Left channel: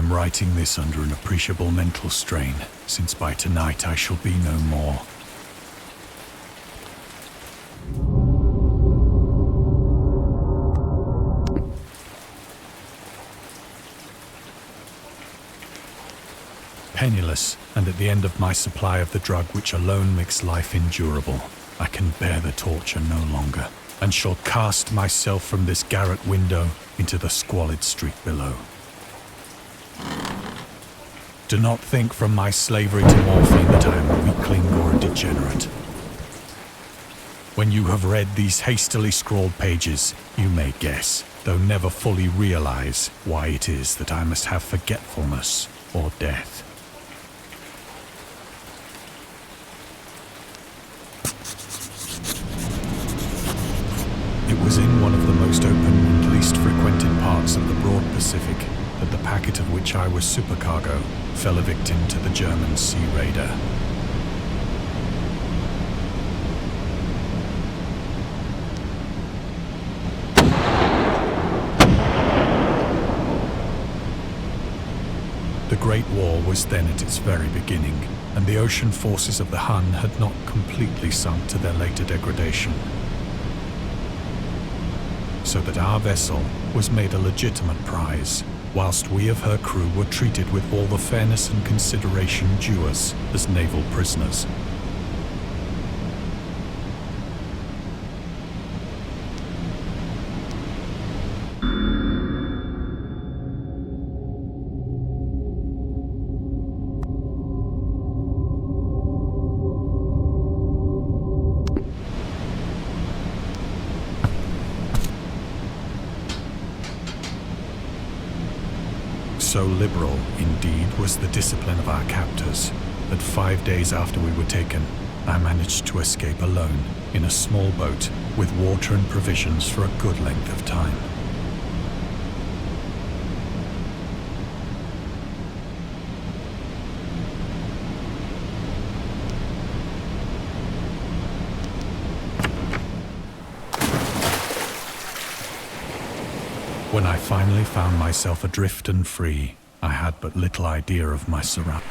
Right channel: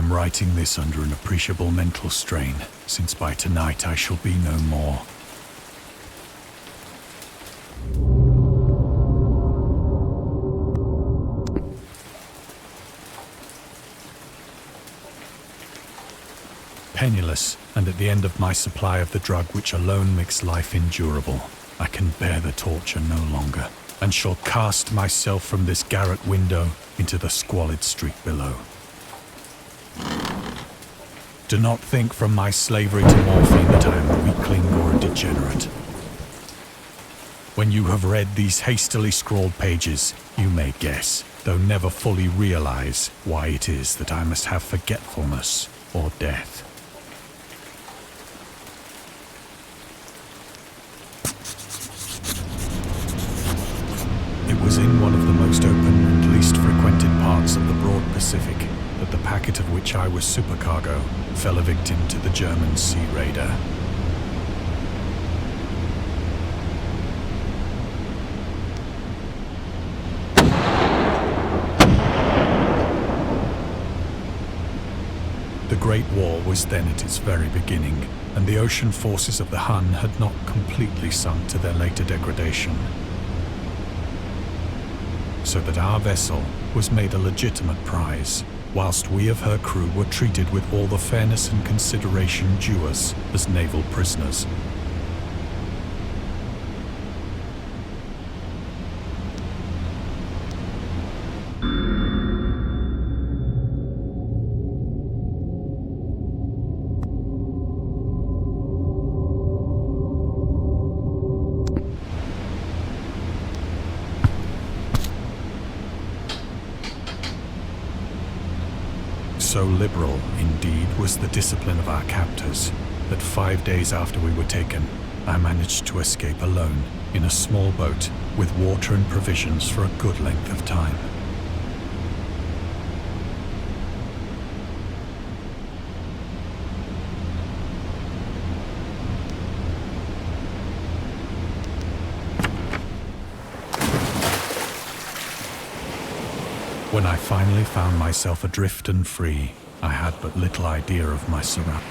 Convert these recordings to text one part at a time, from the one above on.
am writing this under an appreciable mental strain, since by tonight I shall be no more. Penniless, and at the end of my supply of the drug which alone makes life endurable, I can bear the torture no longer, and shall cast myself from this garret window into the squalid street below. Do not think from my slavery to morphine that I am a weakling or a degenerate. When you have read these hastily scrawled pages, you may guess, though never fully realize, why it is that I must have forgetfulness or death. It was in one of the most open and least frequented parts of the broad Pacific that the packet of which I was supercargo fell a victim to the German sea raider. The Great War was then at its very beginning, and the ocean forces of the Hun had not completely sunk to their later degradation, so that our vessel was made a legitimate prize, whilst we of her crew were treated with all the fairness and consideration due us as naval prisoners. So liberal, indeed, was the discipline of our captors, that 5 days after we were taken, I managed to escape alone in a small boat with water and provisions for a good length of time. When I finally found myself adrift and free, I had but little idea of my surroundings.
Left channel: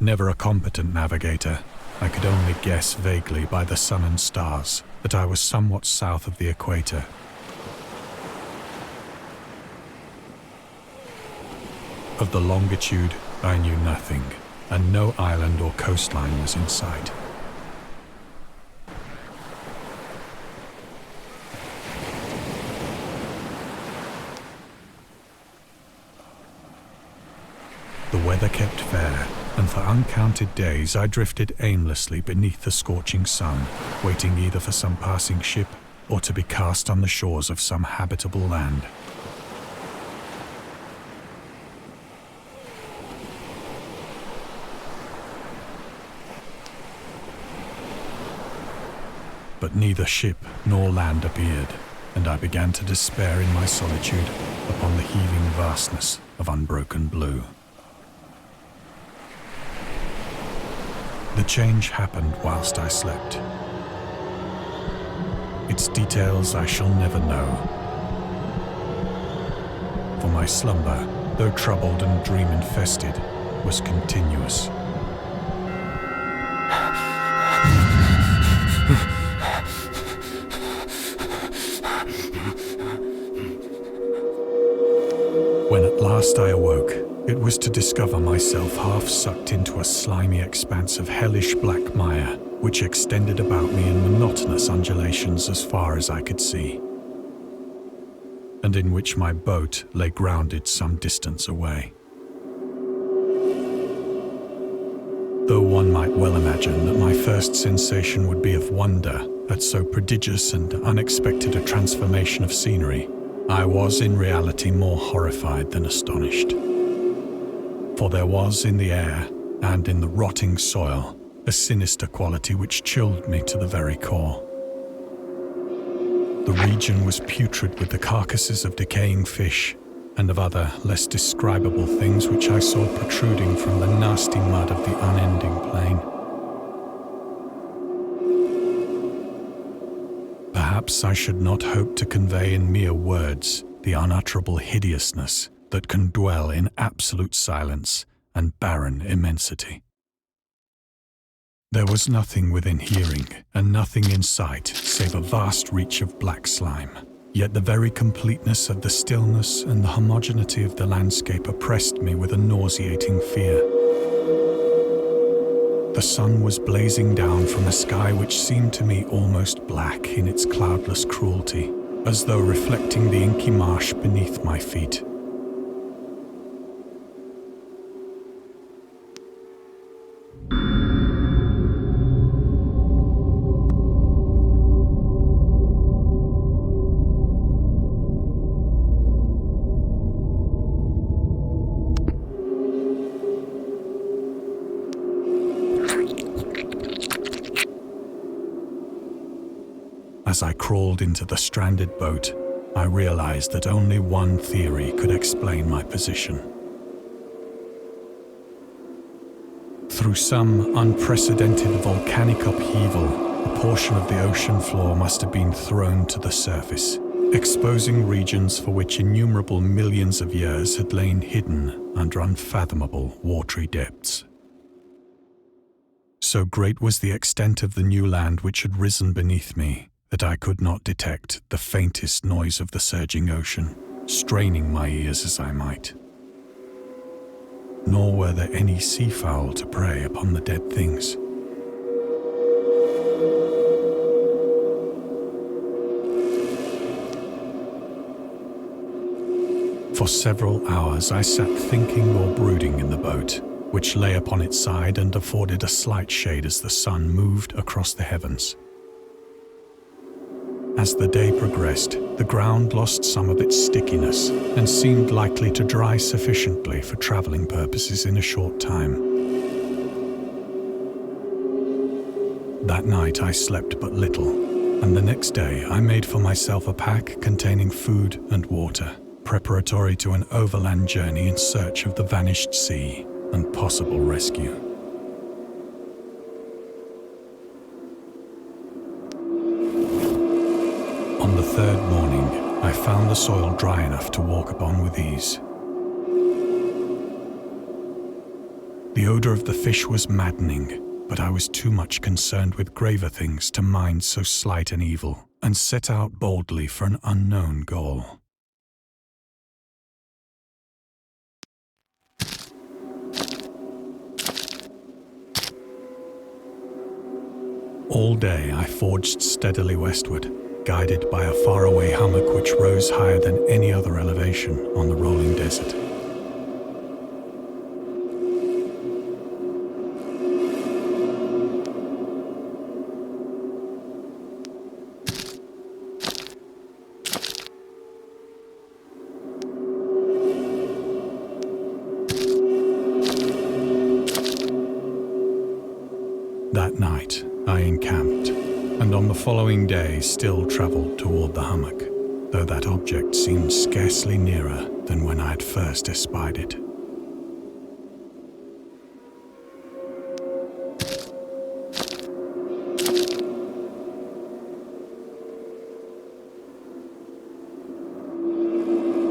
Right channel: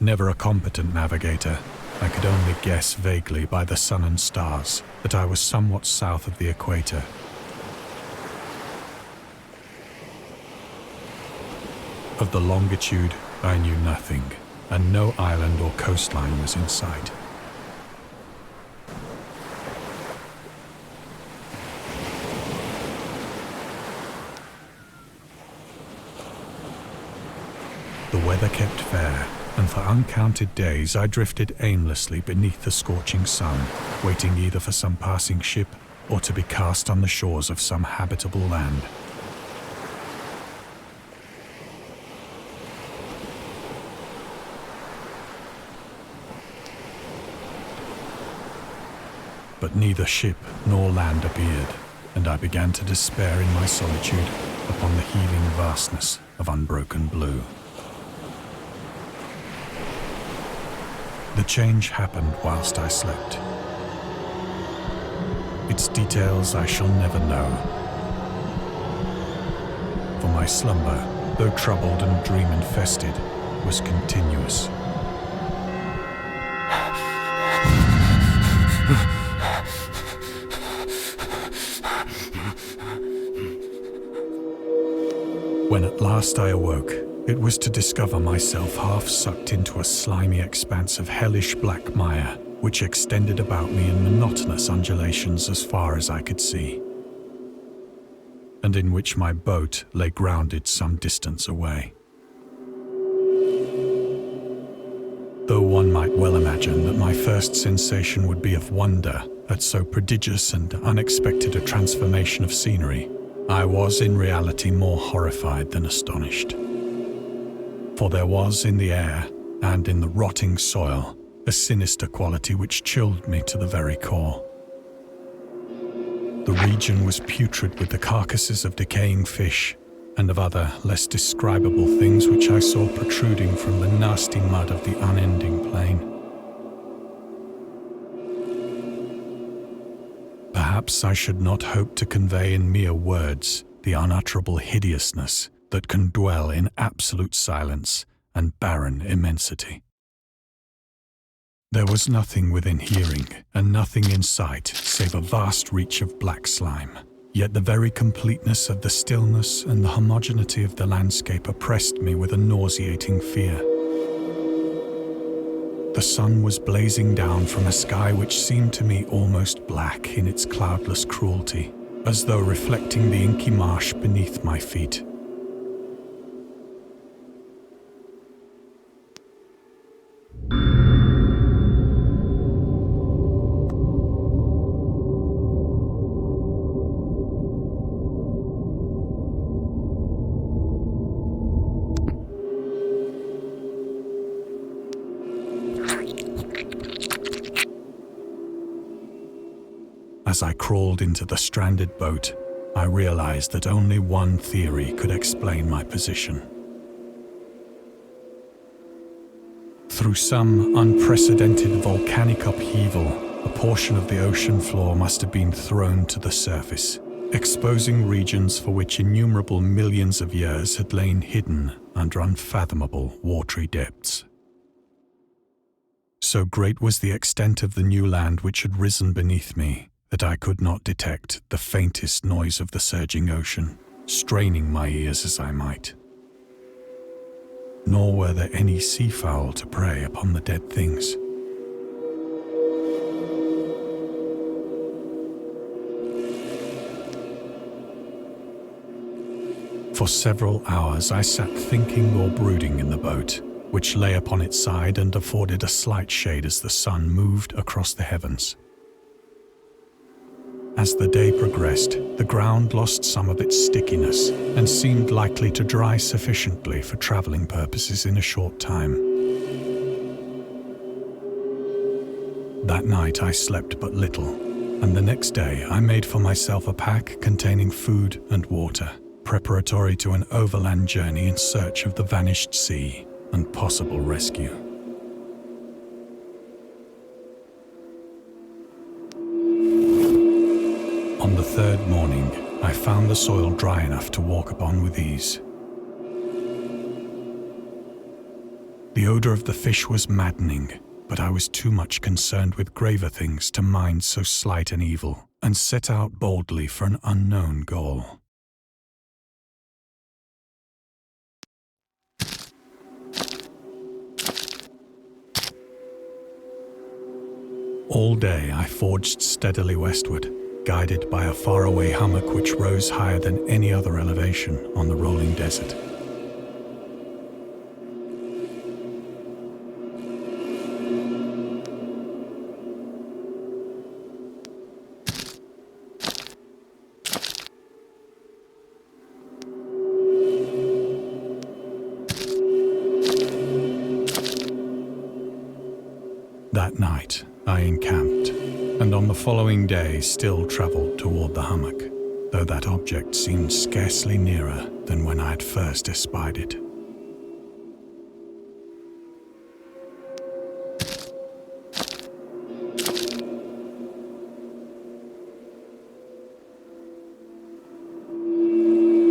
Never a competent navigator, I could only guess vaguely by the sun and stars that I was somewhat south of the equator. Of the longitude, I knew nothing, and no island or coastline was in sight. The weather kept fair, and for uncounted days I drifted aimlessly beneath the scorching sun, waiting either for some passing ship or to be cast on the shores of some habitable land. But neither ship nor land appeared, and I began to despair in my solitude upon the heaving vastness of unbroken blue. The change happened whilst I slept. Its details I shall never know, for my slumber, though troubled and dream-infested, was continuous. When at last I awoke, it was to discover myself half sucked into a slimy expanse of hellish black mire, which extended about me in monotonous undulations as far as I could see, and in which my boat lay grounded some distance away. Though one might well imagine that my first sensation would be of wonder at so prodigious and unexpected a transformation of scenery, I was in reality more horrified than astonished. For there was in the air, and in the rotting soil, a sinister quality which chilled me to the very core. The region was putrid with the carcasses of decaying fish, and of other, less describable things which I saw protruding from the nasty mud of the unending plain. Perhaps I should not hope to convey in mere words the unutterable hideousness that can dwell in absolute silence and barren immensity. There was nothing within hearing and nothing in sight save a vast reach of black slime. Yet the very completeness of the stillness and the homogeneity of the landscape oppressed me with a nauseating fear. The sun was blazing down from a sky which seemed to me almost black in its cloudless cruelty, as though reflecting the inky marsh beneath my feet. As I crawled into the stranded boat, I realized that only one theory could explain my position. Through some unprecedented volcanic upheaval, a portion of the ocean floor must have been thrown to the surface, exposing regions for which innumerable millions of years had lain hidden under unfathomable watery depths. So great was the extent of the new land which had risen beneath me, that I could not detect the faintest noise of the surging ocean, straining my ears as I might. Nor were there any seafowl to prey upon the dead things. For several hours I sat thinking or brooding in the boat, which lay upon its side and afforded a slight shade as the sun moved across the heavens. As the day progressed, the ground lost some of its stickiness and seemed likely to dry sufficiently for traveling purposes in a short time. That night I slept but little, and the next day I made for myself a pack containing food and water, preparatory to an overland journey in search of the vanished sea and possible rescue. On the third morning, I found the soil dry enough to walk upon with ease. The odor of the fish was maddening, but I was too much concerned with graver things to mind so slight an evil, and set out boldly for an unknown goal. All day I forged steadily westward, guided by a faraway hummock which rose higher than any other elevation on the rolling desert. That night, I encamped, and on the following day still travelled toward the hummock, though that object seemed scarcely nearer than when I had first espied it.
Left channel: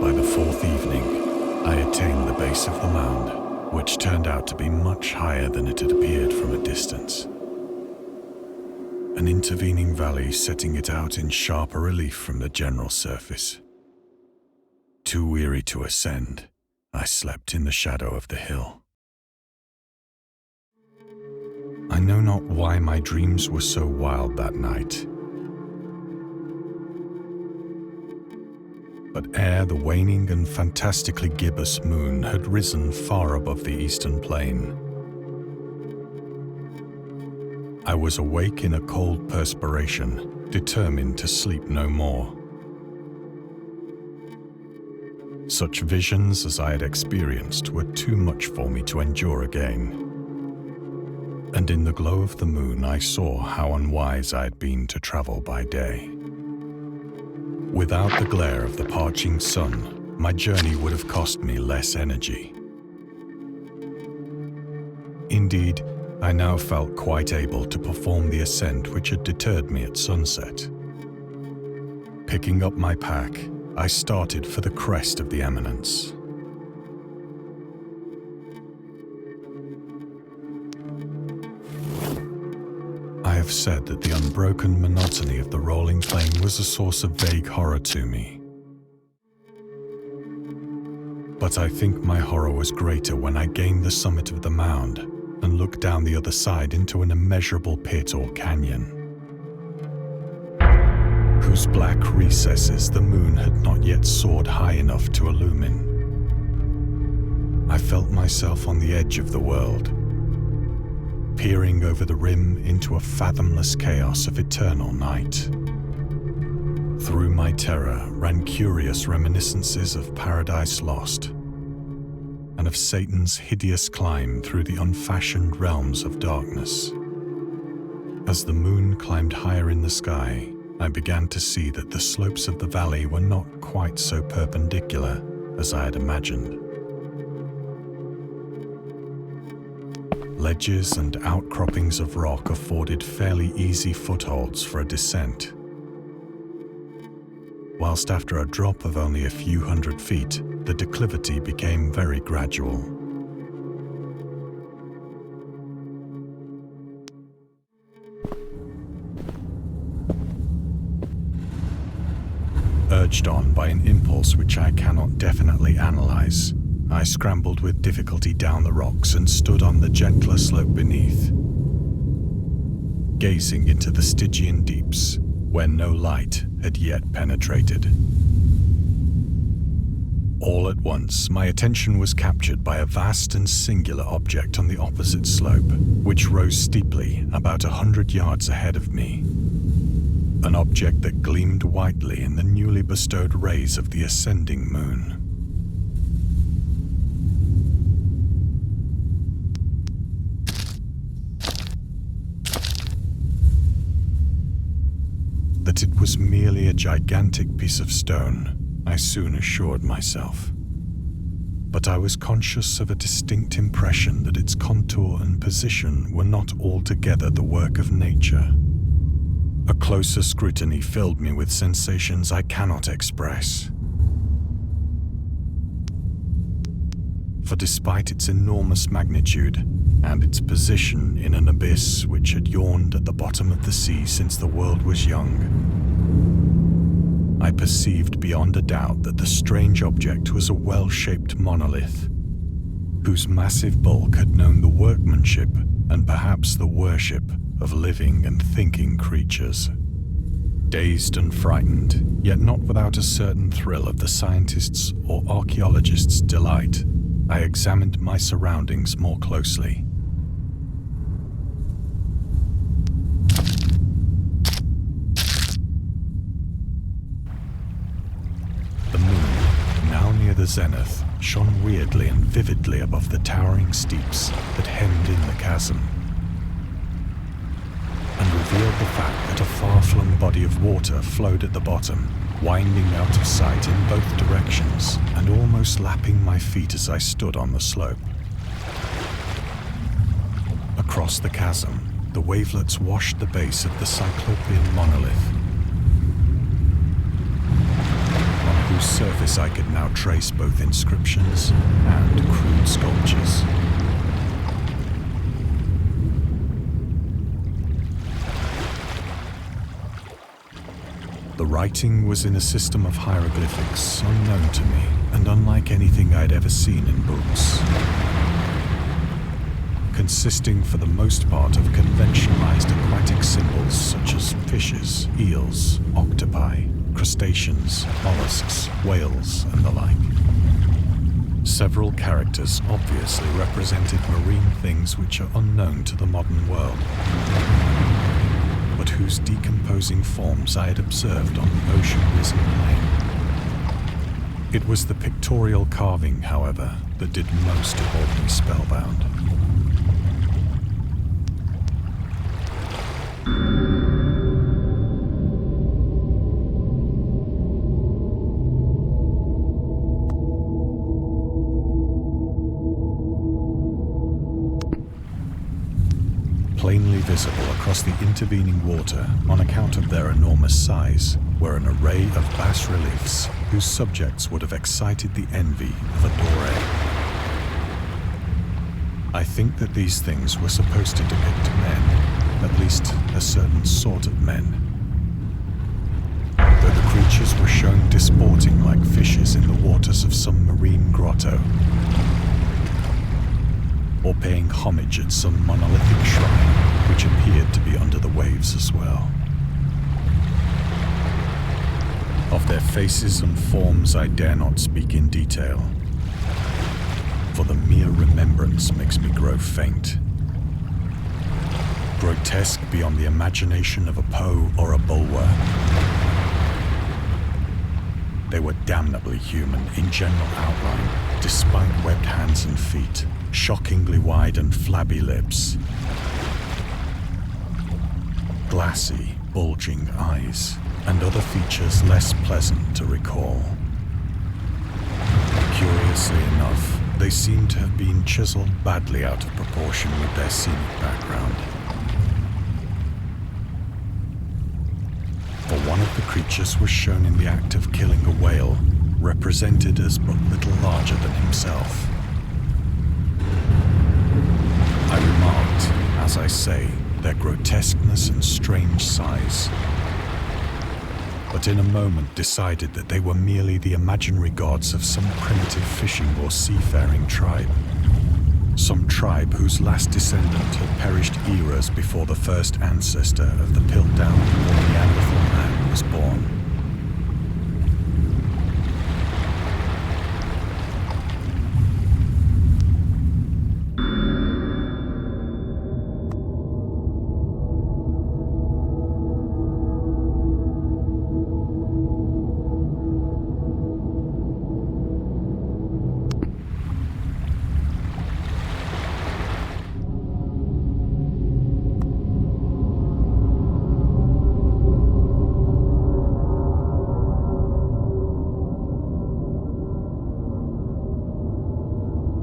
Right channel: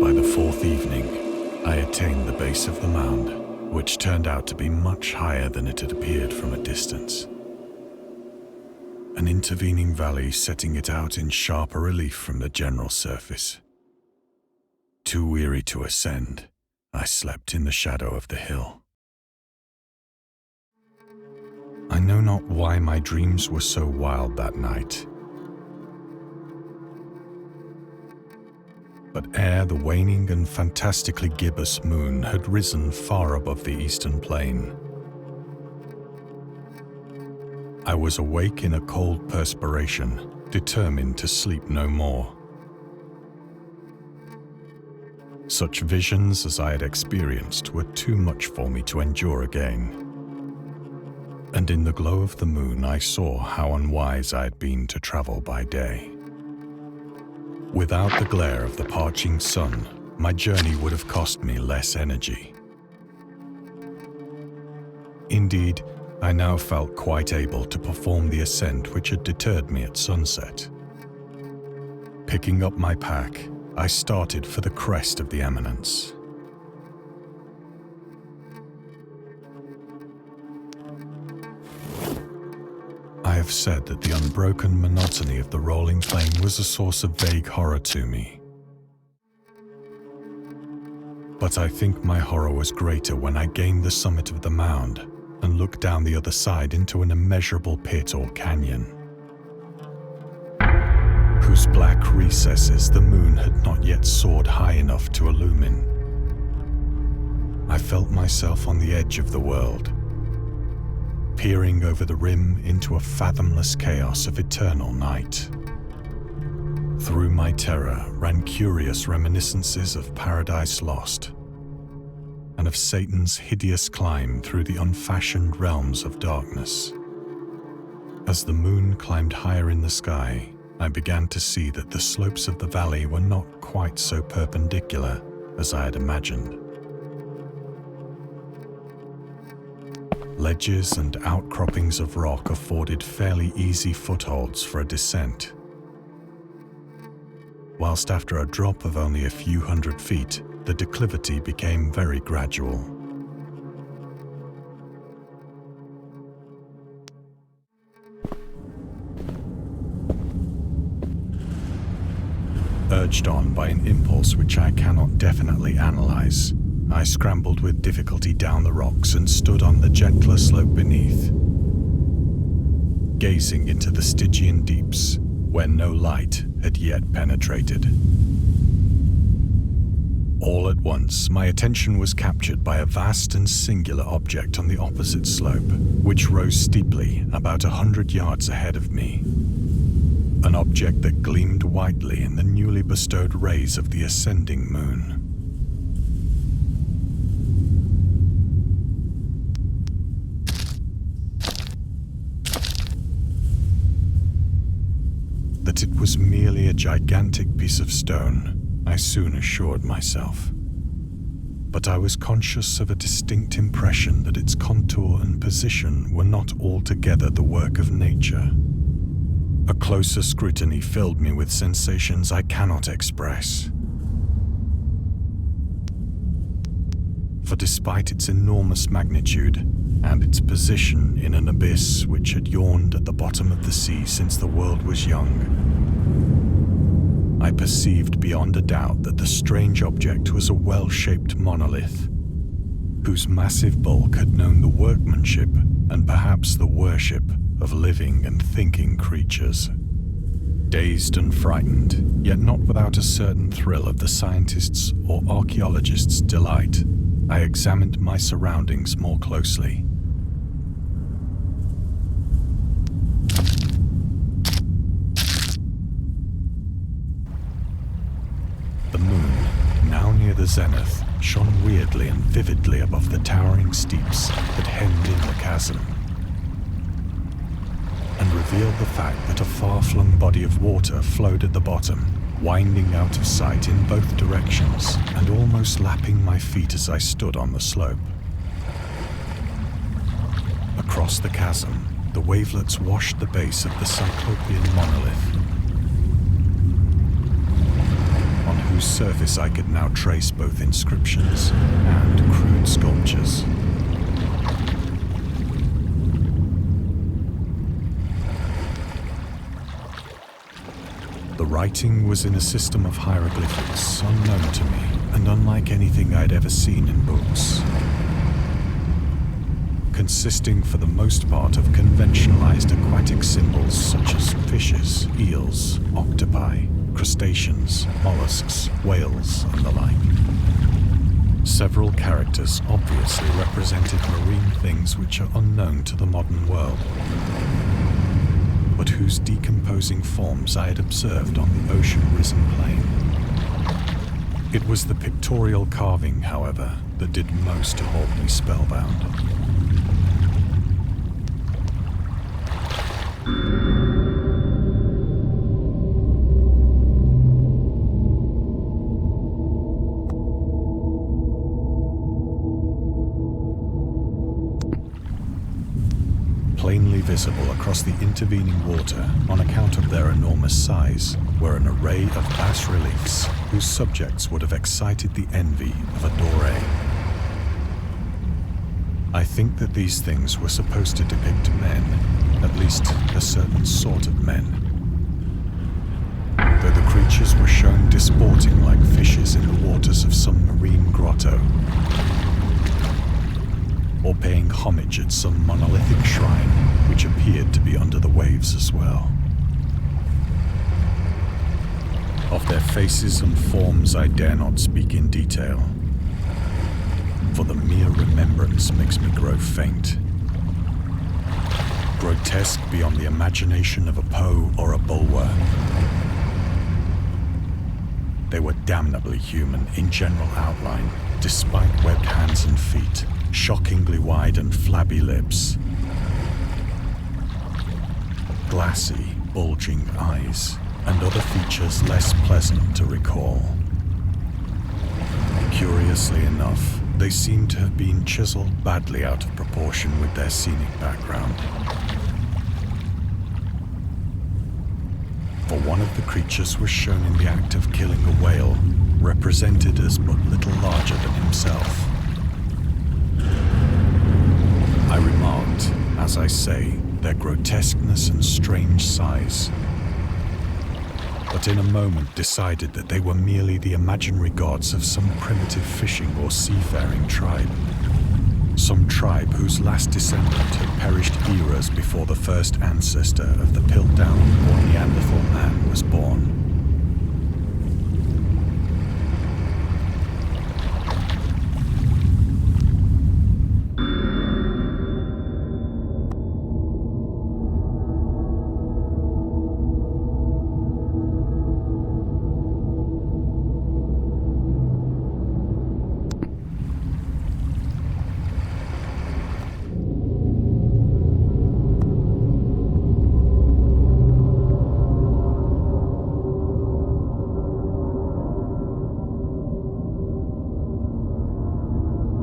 By the fourth evening, I attained the base of the mound, which turned out to be much higher than it had appeared from a distance. An intervening valley setting it out in sharper relief from the general surface. Too weary to ascend, I slept in the shadow of the hill. I know not why my dreams were so wild that night. But ere the waning and fantastically gibbous moon had risen far above the eastern plain, I was awake in a cold perspiration, determined to sleep no more. Such visions as I had experienced were too much for me to endure again. And in the glow of the moon I saw how unwise I had been to travel by day. Without the glare of the parching sun, my journey would have cost me less energy. Indeed, I now felt quite able to perform the ascent which had deterred me at sunset. Picking up my pack, I started for the crest of the eminence. I have said that the unbroken monotony of the rolling plain was a source of vague horror to me. But I think my horror was greater when I gained the summit of the mound and looked down the other side into an immeasurable pit or canyon, whose black recesses the moon had not yet soared high enough to illumine. I felt myself on the edge of the world, peering over the rim into a fathomless chaos of eternal night. Through my terror ran curious reminiscences of Paradise Lost, and of Satan's hideous climb through the unfashioned realms of darkness. As the moon climbed higher in the sky, I began to see that the slopes of the valley were not quite so perpendicular as I had imagined. Ledges and outcroppings of rock afforded fairly easy footholds for a descent, whilst after a drop of only a few hundred feet, the declivity became very gradual. Urged on by an impulse which I cannot definitely analyze, I scrambled with difficulty down the rocks and stood on the gentler slope beneath, gazing into the Stygian deeps where no light had yet penetrated. All at once, my attention was captured by a vast and singular object on the opposite slope, which rose steeply about 100 yards ahead of me. An object that gleamed whitely in the newly bestowed rays of the ascending moon. That it was merely a gigantic piece of stone, I soon assured myself. But I was conscious of a distinct impression that its contour and position were not altogether the work of nature. A closer scrutiny filled me with sensations I cannot express. For despite its enormous magnitude, and its position in an abyss which had yawned at the bottom of the sea since the world was young, I perceived beyond a doubt that the strange object was a well-shaped monolith, whose massive bulk had known the workmanship and perhaps the worship of living and thinking creatures. Dazed and frightened, yet not without a certain thrill of the scientist's or archaeologist's delight, I examined my surroundings more closely. The moon, now near the zenith, shone weirdly and vividly above the towering steeps that hemmed in the chasm, and revealed the fact that a far-flung body of water flowed at the bottom, winding out of sight in both directions and almost lapping my feet as I stood on the slope. Across the chasm, the wavelets washed the base of the cyclopean monolith, on whose surface I could now trace both inscriptions and crude sculptures. The writing was in a system of hieroglyphics unknown to me and unlike anything I'd ever seen in books, consisting for the most part of conventionalized aquatic symbols such as fishes, eels, octopi, crustaceans, mollusks, whales, and the like. Several characters obviously represented marine things which are unknown to the modern world, but whose decomposing forms I had observed on the ocean-risen plain. It was the pictorial carving, however, that did most to hold me spellbound. Plainly visible across the intervening water on account of their enormous size were an array of bas-reliefs whose subjects would have excited the envy of a doré. I think that these things were supposed to depict men, at least a certain sort of men. Though the creatures were shown disporting like fishes in the waters of some marine grotto, or paying homage at some monolithic shrine which appeared to be under the waves as well. Of their faces and forms I dare not speak in detail, for the mere remembrance makes me grow faint. Grotesque beyond the imagination of a Poe or a Bulwer. They were damnably human in general outline, despite webbed hands and feet, shockingly wide and flabby lips, glassy, bulging eyes, and other features less pleasant to recall. Curiously enough, they seem to have been chiseled badly out of proportion with their scenic background. For one of the creatures was shown in the act of killing a whale, represented as but little larger than himself. I remarked, as I say, their grotesqueness and strange size, but in a moment decided that they were merely the imaginary gods of some primitive fishing or seafaring tribe. Some tribe whose last descendant had perished eras before the first ancestor of the Piltdown or Neanderthal man was born.